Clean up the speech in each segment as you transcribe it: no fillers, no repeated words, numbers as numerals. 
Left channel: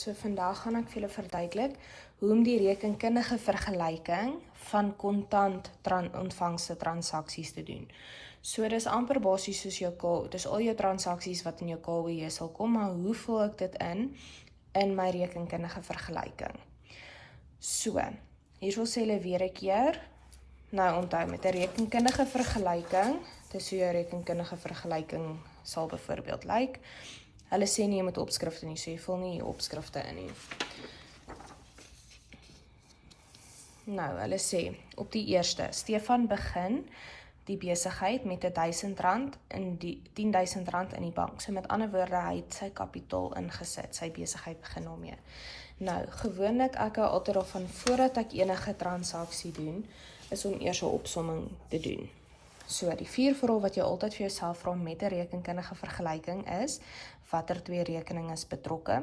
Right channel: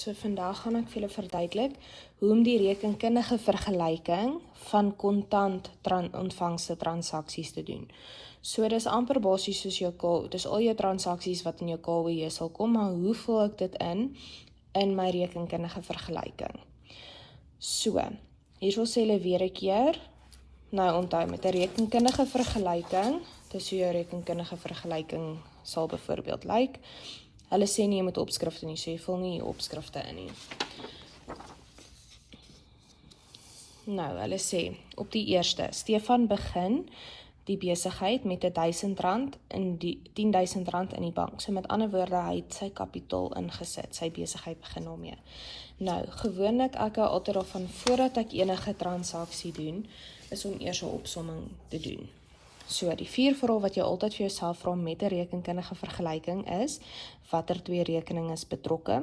so vandag gaan ek vir julle verduidelik hoe om die rekenkundige vergelyking van kontant ontvangste transaksies te doen. So dis amper basies soos dis al jou transaksies wat in jou KWJ sal kom, maar hoe vul ek dit in my rekenkundige vergelyking? So, hierso sê hulle weer 'n keer, nou onthou met 'n rekenkundige vergelyking, dis hoe jou rekenkundige vergelyking sal byvoorbeeld lyk. Hulle sê nie jy moet opskrifte nie, so jy vul nie opskrifte in nie. Nou, hulle sê, op die eerste, Stefan begin die besigheid met R1000 en R10.000 in die bank. So met ander woorde, hy het sy kapitaal ingesit, sy besigheid begin daarmee. Nou, gewoonlik ek hou altyd daarvan, voordat ek enige transaksie doen, is om eers 'n opsomming te doen. So, die 4 vrae wat jy altyd vir jouself vra met 'n rekenkundige vergelyking is, watter 2 rekeninge is betrokke?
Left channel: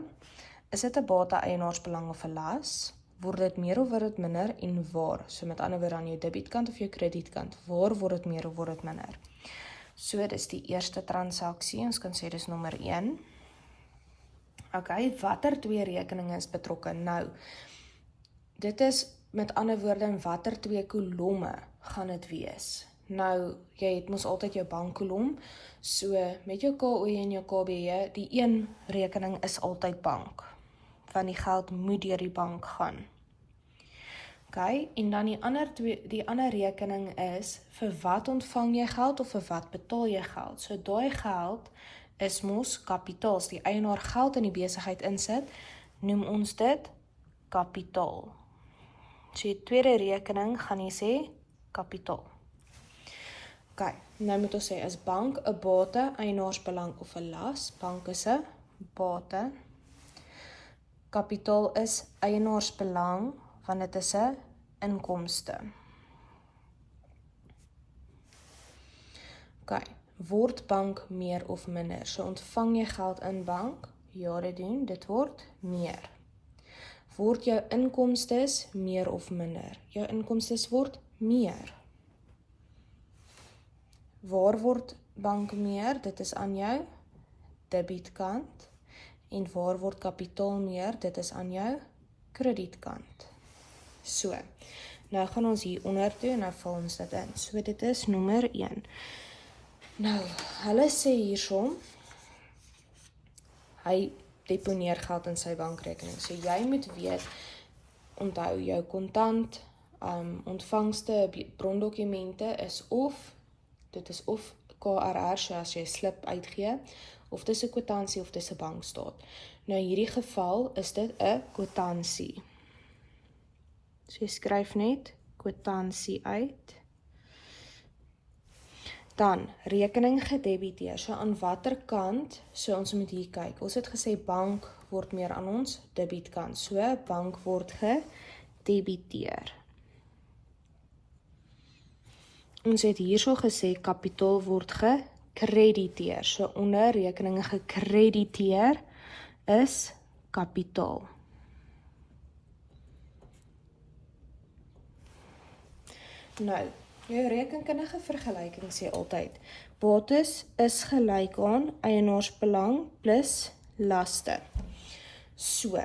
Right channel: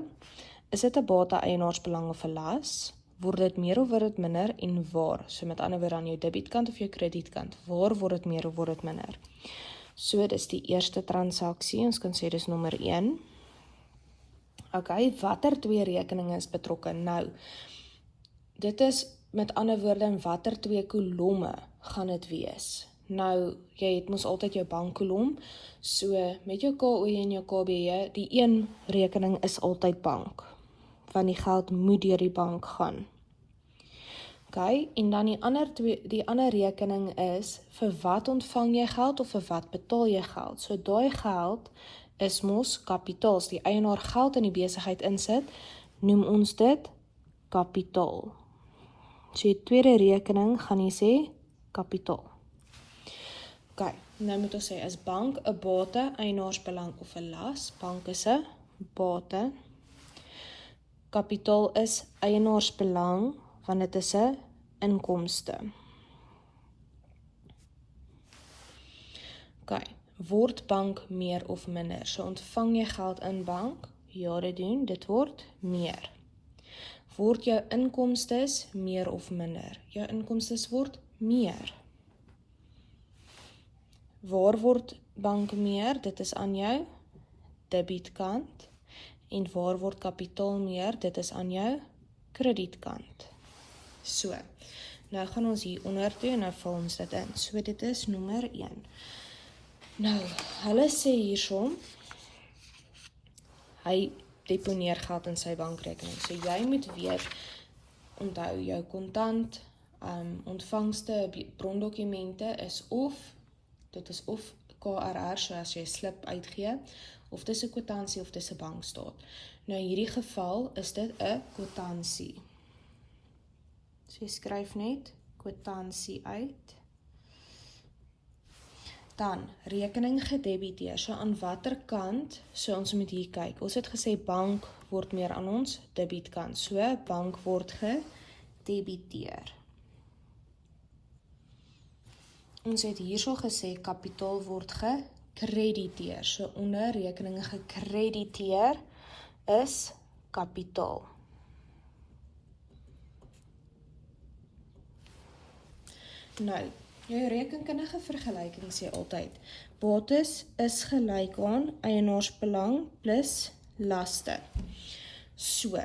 Is dit 'n bate, eienaarsbelang of 'n las? Word dit meer of word dit minder en waar? So met ander woorde aan jou debietkant of jou kredietkant, waar word dit meer of word dit minder? So, dis die eerste transaksie, ons kan sê dis nommer 1. Ok, watter 2 rekeninge is betrokke? Nou, dit is met ander woorde in watter 2 kolomme gaan dit wees? Nou, jy het mos altyd jou bankkolom, so met jou KOJ en jou KBJ, die een rekening is altyd bank, want die geld moet deur die bank gaan. Ok, en dan die ander rekening is, vir wat ontvang jy geld of vir wat betaal jy geld? So daai geld is mos kapitaal, as die eienaar geld in die besigheid insit, noem ons dit kapitaal. So die tweede rekening gaan jy sê kapitaal. Ok, nou moet ons sê, is bank 'n bate, eienaarsbelang of 'n las? Bank is 'n bate. Kapitaal is eienaarsbelang, want dit is 'n inkomste. Ok, word bank meer of minder? So ontvang jy geld in bank? Ja, dit word meer. Word jou inkomstes meer of minder? Jou inkomstes word meer. Waar word bank meer? Dit is aan jou debietkant. En waar word kapitaal meer? Dit is aan jou kredietkant. So, nou gaan ons hier onder toe en nou vul ons dit in. So, dit is nommer 1. Nou, hulle sê hierso, hy deponeer geld in sy bankrekening. So, jy moet weet, onthou jou kontant, ontvangste brondokumente is dit is of KRR, so as jy slip uitgee, of dis 'n kwitansie of dis 'n bankstaat. Nou in hierdie geval is dit 'n kwitansie. So jy skryf net kwitansie uit. Dan rekening gedebiteer. So aan watter kant, so ons moet hier kyk. Ons het gesê bank word meer aan ons debietkant. So bank word gedebiteer. Ons het hierso gesê kapitaal word gekrediteer. So onder rekeninge gekrediteer is kapitaal. Nou, jou rekenkundige vergelyking sê altyd, bates is gelyk aan eienaarsbelang plus laste. So,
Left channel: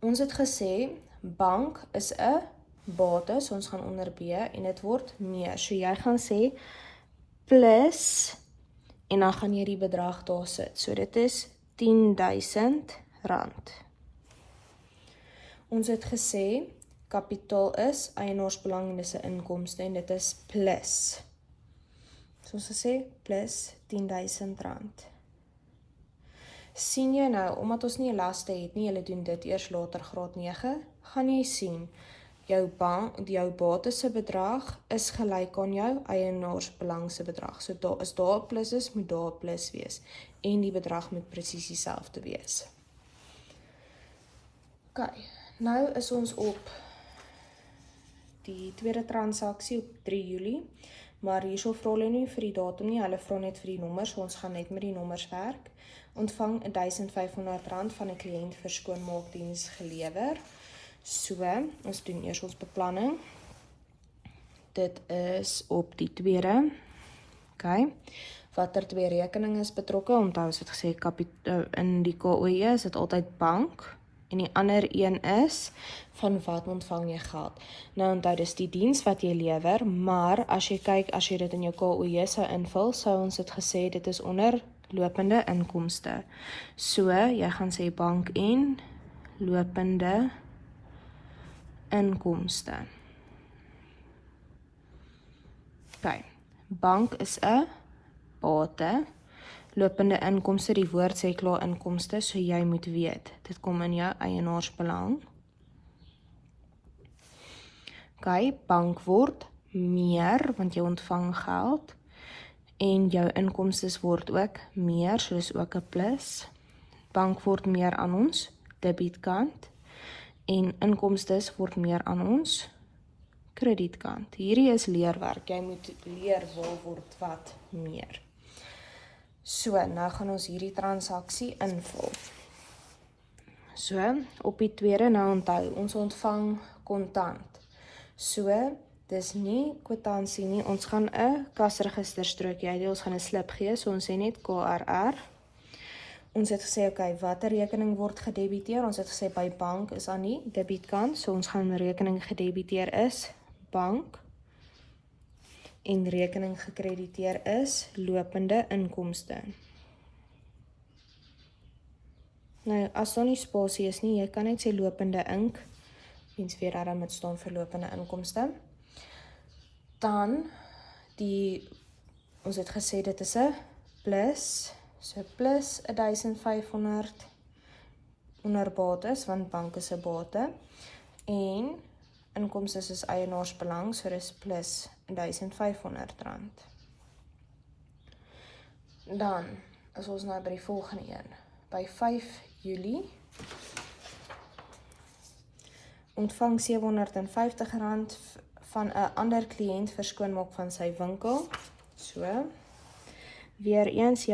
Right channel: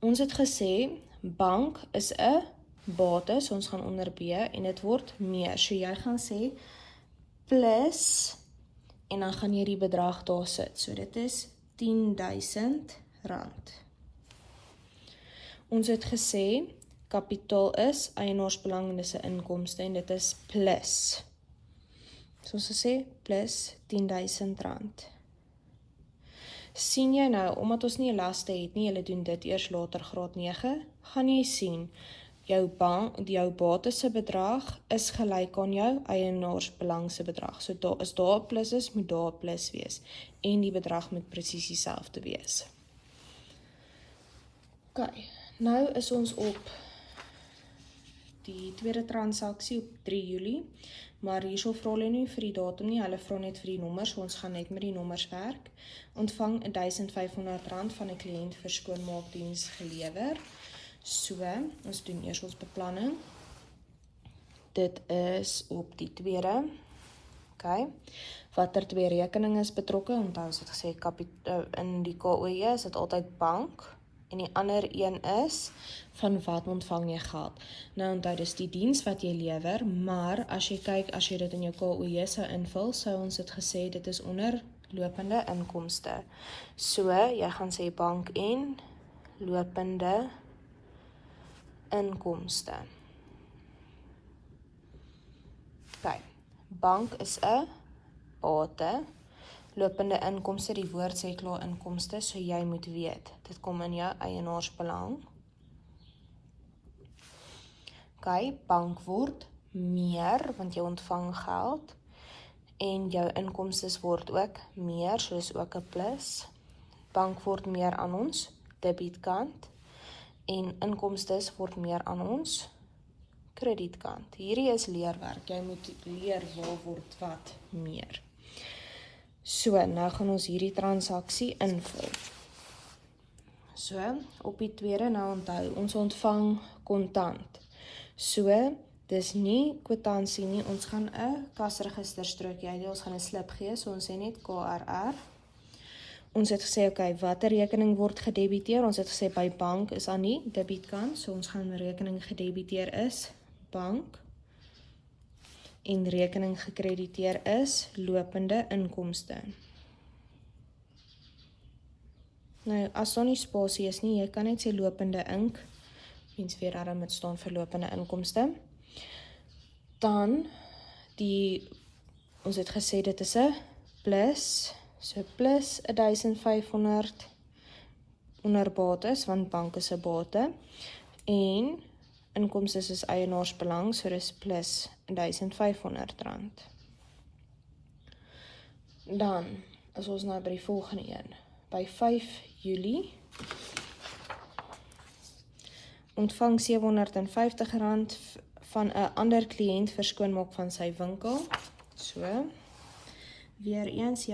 ons het gesê, bank is 'n bate, so ons gaan onder B, en dit word meer. So jy gaan sê, plus, en dan gaan jy die bedrag daar sit. So dit is R10.000. Ons het gesê, kapitaal is eienaarsbelang en dis 'n inkomste en dit is plus. So ons gesê, plus R10.000. Sien jy nou, omdat ons nie 'n laste het nie, julle doen dit eers later graad 9, gaan jy sien, jou bates se bedrag is gelyk aan jou eienaarsbelang se bedrag. So as daar 'n plus is, moet daar 'n plus wees. En die bedrag moet presies dieselfde wees. Ok, nou is ons op die tweede transaksie op 3 Julie. Maar hierso vra hulle nie vir die datum nie, hulle vra net vir die nommers, so ons gaan net met die nommers werk. Ontvang R1.500 van 'n kliënt vir skoonmaakdiens gelewer. So, ons doen eers ons beplanning. Dit is op die tweede. Okay. Watter twee rekeninge is betrokke? Onthou ons het gesê in die KOE is dit altyd bank. En die ander een is, van wat ontvang jy geld? Nou onthou, dis die diens wat jy lewer, maar as jy kyk, as jy dit in jou KOE sou invul, sou ons het gesê, dit is onder lopende inkomste. So, jy gaan sê bank en lopende inkomste. Okay. Bank is 'n bate. Lopende inkomste, die woord sê klaar inkomste, so jy moet weet, dit kom in jou eienaarsbelang. Okay, bank word meer, want jy ontvang geld, en jou inkomstes word ook meer, soos ook 'n plus. Bank word meer aan ons debietkant, en inkomstes word meer aan ons kredietkant. Hierdie is leerwerk, jy moet leer waar word wat meer. So, nou gaan ons hierdie transaksie invul. So, op die tweede, nou onthou, ons ontvang kontant. So, dis nie kwitansie nie, ons gaan 'n kasregisterstrokie uitdeel, ons gaan 'n slip gee, so ons sê net KRR. Ons het gesê, okay, watter rekening word gedebiteer? Ons het gesê, by bank is aan die debietkant, so ons gaan rekening gedebiteer is bank, en rekening gekrediteer is lopende inkomste. Nou, as daar nie spasie is nie, jy kan net sê lopende ink, mens weer daarom met staan vir lopende inkomste. Dan, ons het gesê dit is 'n plus, so plus 1500 onder bates, want bank is 'n bate, en inkomstes is eienaarsbelang, so dis plus R1500. Dan is ons nou by die volgende een. By 5 Julie ontvang R750 van 'n ander kliënt vir skoonmaak van sy winkel. So, weer eens,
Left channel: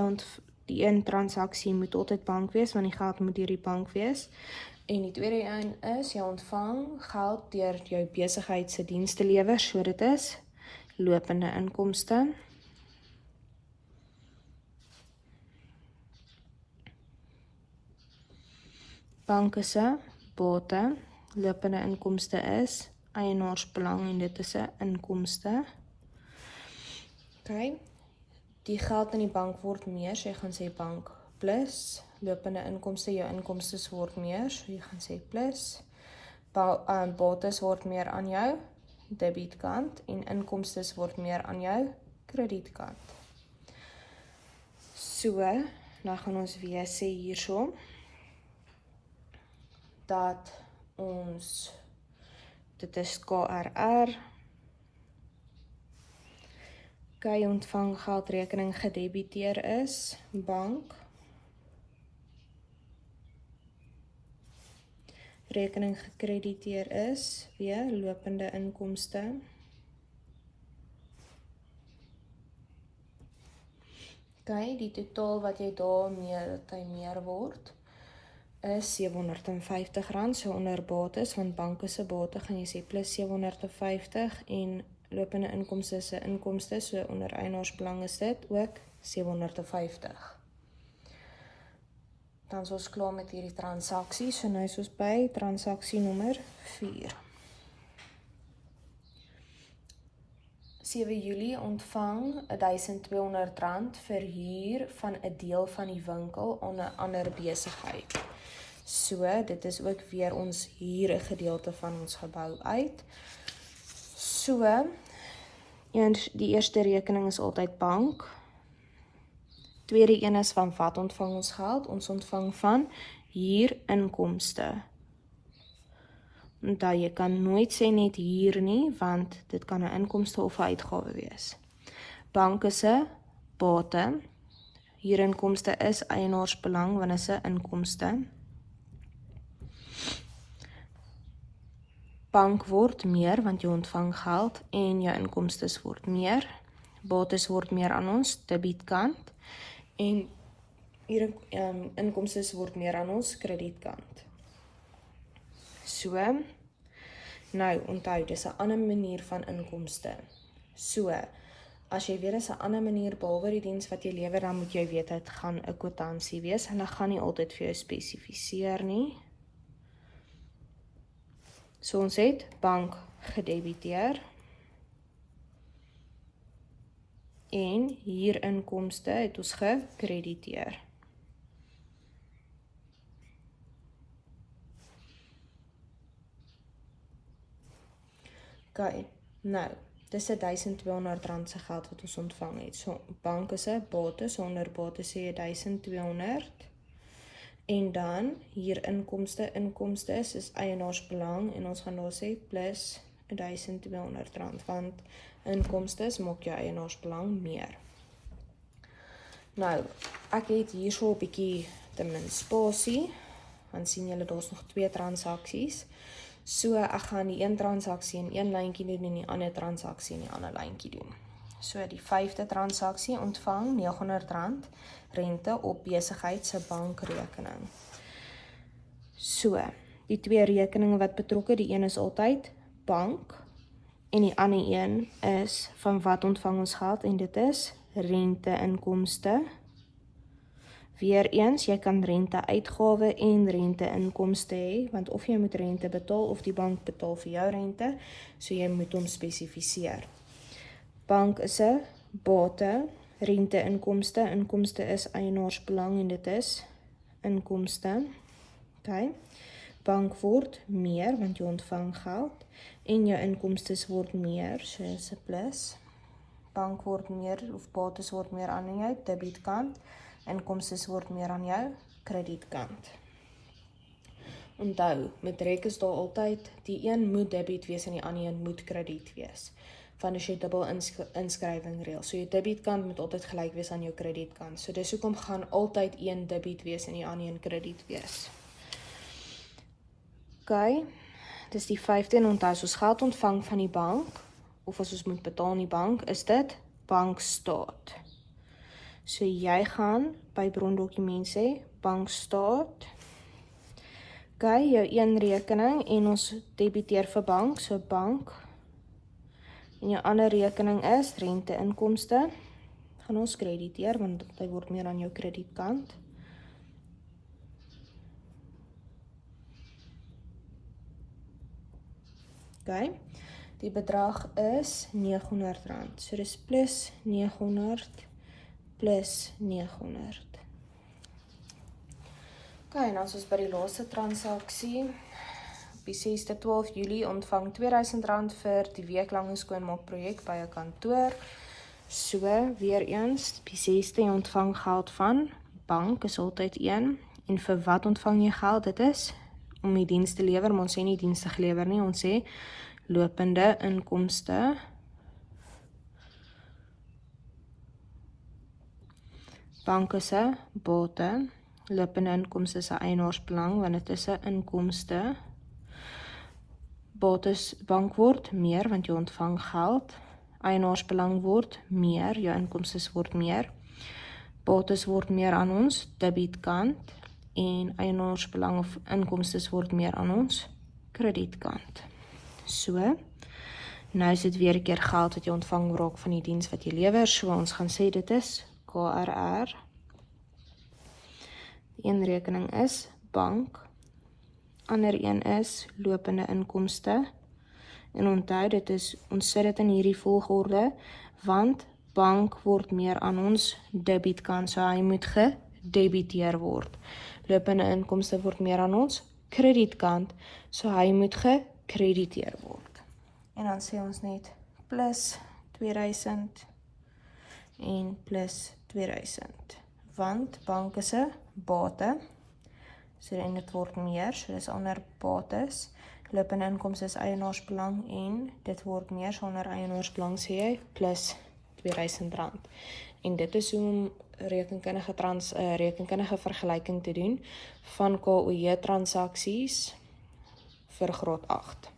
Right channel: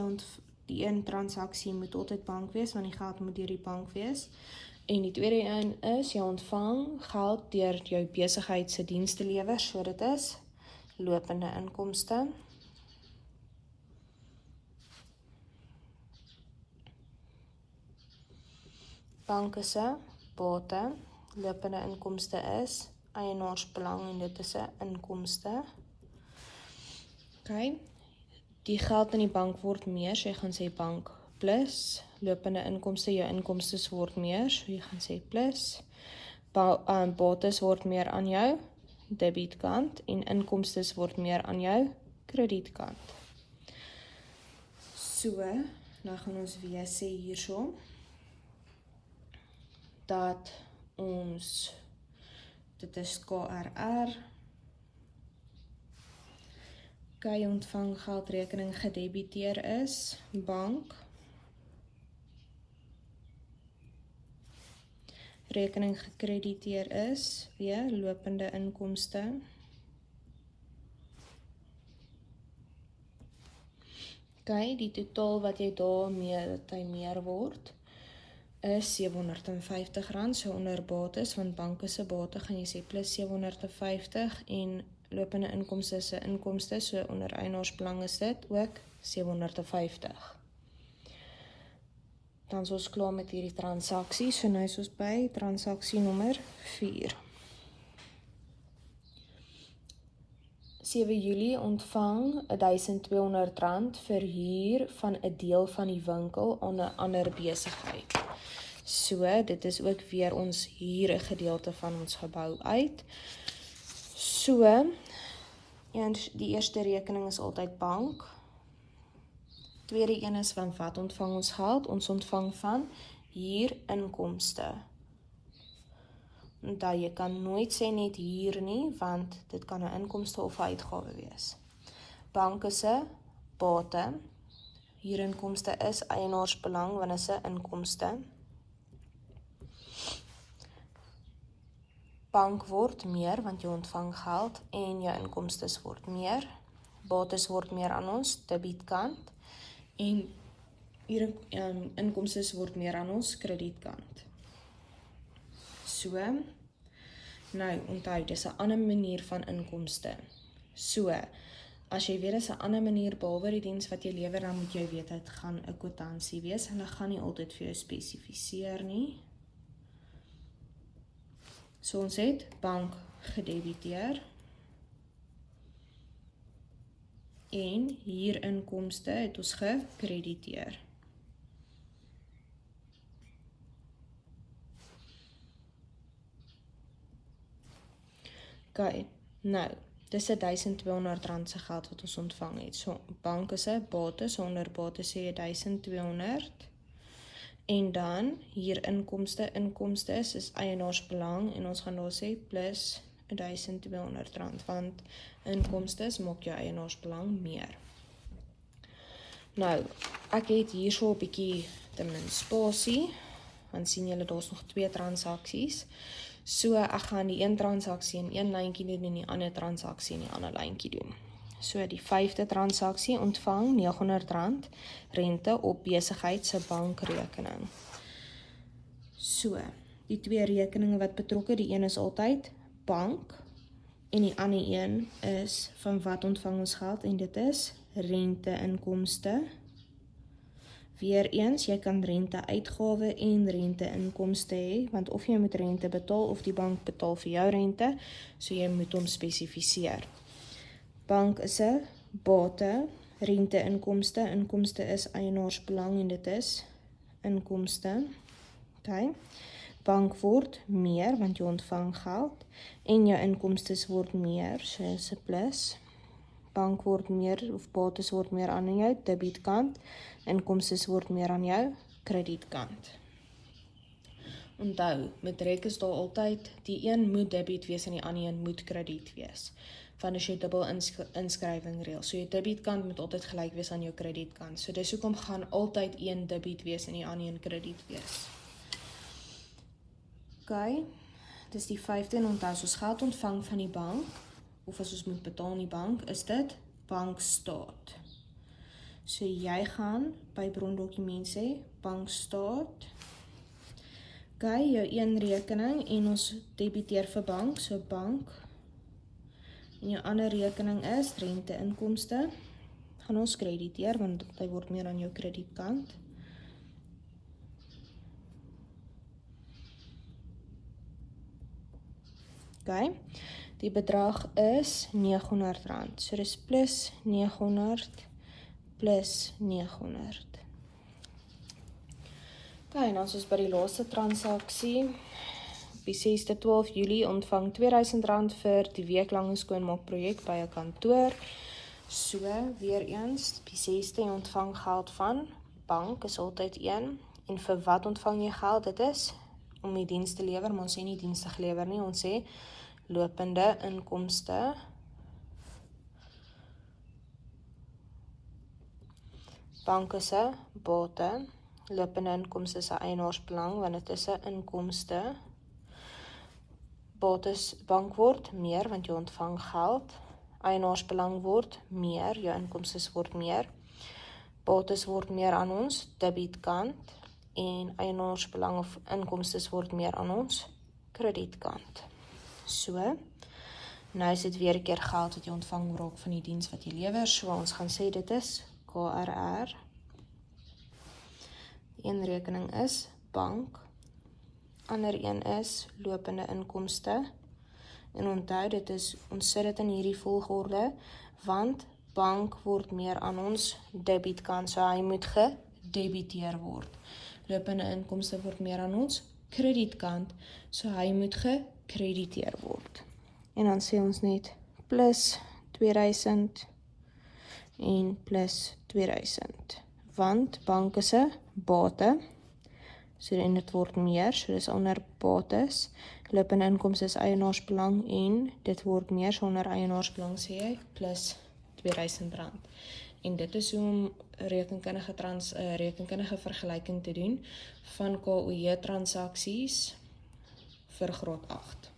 die een transaksie moet altyd bank wees, want die geld moet deur die bank wees. En die tweede een is, jy ontvang geld deur jou besigheid se diens te lewer, so dit is lopende inkomste. Bank is 'n bate, lopende inkomste is eienaarsbelang en dit is 'n inkomste. Okay. Die geld in die bank word meer, so jy gaan sê bank plus, lopende inkomste, jou inkomstes word meer, so jy gaan sê plus, bates word meer aan jou debietkant, en inkomstes word meer aan jou kredietkant. So, nou gaan ons weer sê hierso, dat ons, dit is KRR, okay, ontvang geldrekening gedebiteer is, bank, rekening gekrediteer is, weer lopende inkomste, okay, die totaal wat jy daarmee, dat hy meer word, is R750, so onder bates, want bank is 'n bate, gaan jy sê plus 750, en lopende inkomste is 'n inkomste, so onder eienaarsbelang is dit ook 750. Dan is ons klaar met hierdie transaksie, so nou is ons by transaksie nommer 4. 7 Julie ontvang R1200 vir huur van 'n deel van die winkel aan 'n ander besigheid. So, dit is ook weer ons huur 'n gedeelte van ons gebou uit. So, die eerste rekening is altyd bank. Tweede een is van wat ontvang ons geld? Ons ontvang van huurinkomste. Onthou, jy kan nooit sê net huur nie, want dit kan 'n inkomste of 'n uitgawe wees. Bank is 'n bate. Huurinkomste is eienaarsbelang, want is 'n inkomste. Bank word meer, want jy ontvang geld, en jou inkomstes word meer. Bates word meer aan ons debietkant, en inkomstes word meer aan ons kredietkant. So, nou onthou, dis 'n ander manier van inkomste. So, As jy weet, is 'n ander manier behalwe die diens wat jy lewer, dan moet jy weet, dit gaan 'n kwitansie wees. Hulle gaan nie altyd vir jou spesifiseer nie. So ons het bank gedebiteer. En hier inkomste het ons gekrediteer. Ok, nou, dis R1200 se geld wat ons ontvang het. So, bank is 'n bates, onder bates sê jy 1200. En dan, hier inkomste is eienaarsbelang, en ons gaan daar sê plus R1200, want inkomste maak jou eienaarsbelang meer. Nou, ek het hier so 'n bietjie te min spasie, want sien julle, daar's nog 2 transaksies. So, ek gaan die een transaksie in een lyntjie doen en die ander transaksie in die ander lyntjie doen. So, die 5de transaksie ontvang R900 rente op besigheid se bankrekening. So, die 2 rekeninge wat betrokke, die een is altyd bank, en die ander een is van wat ontvang ons geld, en dit is rente-inkomste. Weereens, jy kan rente-uitgawe en rente-inkomste hê, want of jy moet rente betaal, of die bank betaal vir jou rente, so jy moet hom spesifiseer. Bank is 'n bate, rente-inkomste, inkomste is eienaarsbelang, en dit is inkomste. Okay. Bank word meer, want jy ontvang geld, en jou inkomstes word meer, so is 'n plus. Bank word meer, of bates word meer aan jou debietkant, inkomstes word meer aan jou kredietkant. Onthou, met rek is daar altyd, die een moet debiet wees en die ander een moet krediet wees. Van as jy dubbel inskrywing reël. So jou debietkant moet altyd gelyk wees aan jou kredietkant. So dis hoekom gaan altyd een debiet wees en die ander een krediet wees. Ok, dis die 5de, en onthou, as ons geld ontvang van die bank, of as ons moet betaal in die bank, is dit bankstaat. So jy gaan by brondokument sê, bankstaat. Ok, jou een rekening, en ons debiteer vir bank, so bank. En jou ander rekening is rente-inkomste. Gaan ons krediteer, want hy word meer aan jou kredietkant. Ok, die bedrag is R900. So dis plus 900 plus 900. Ok, en as ons by die laaste transaksie, op die 6de 12 Julie ontvang R2000 vir die weeklange skoonmaakprojek by 'n kantoor. So, weer eens, op die 6de jy ontvang geld van bank, is altyd 1. En vir wat ontvang jy geld? Dit is om die diens te lewer, maar ons sê nie dienste gelewer nie, ons sê lopende inkomste. Bank is 'n bate, lopende inkomste is 'n eienaarsbelang, want dit is 'n inkomste. Bates, bank word meer, want jy ontvang geld. Eienaarsbelang word meer, jou inkomstes word meer. Bates word meer aan ons debietkant, en eienaarsbelang of inkomstes word meer aan ons kredietkant. So, nou is dit weer 'n keer geld wat jy ontvang raak van die diens wat jy lewer, so ons gaan sê dit is KRR. Een rekening is bank, ander een is lopende inkomste, en onthou dit is, ons sit dit in hierdie volgorde, want bank word meer aan ons debietkant, so hy moet gedebiteer word. Lopende inkomste word meer aan ons kredietkant, so hy moet gekrediteer word. En dan sê ons net plus 2000 en plus 2000, want bank is 'n bate, so en dit word meer, so dis onder bates, lopende inkomste is eienaarsbelang, en dit word meer, so onder eienaarsbelang sê jy plus R2000. En dit is hoe om rekenkundige vergelyking te doen van KOJ transaksies vir graad 8.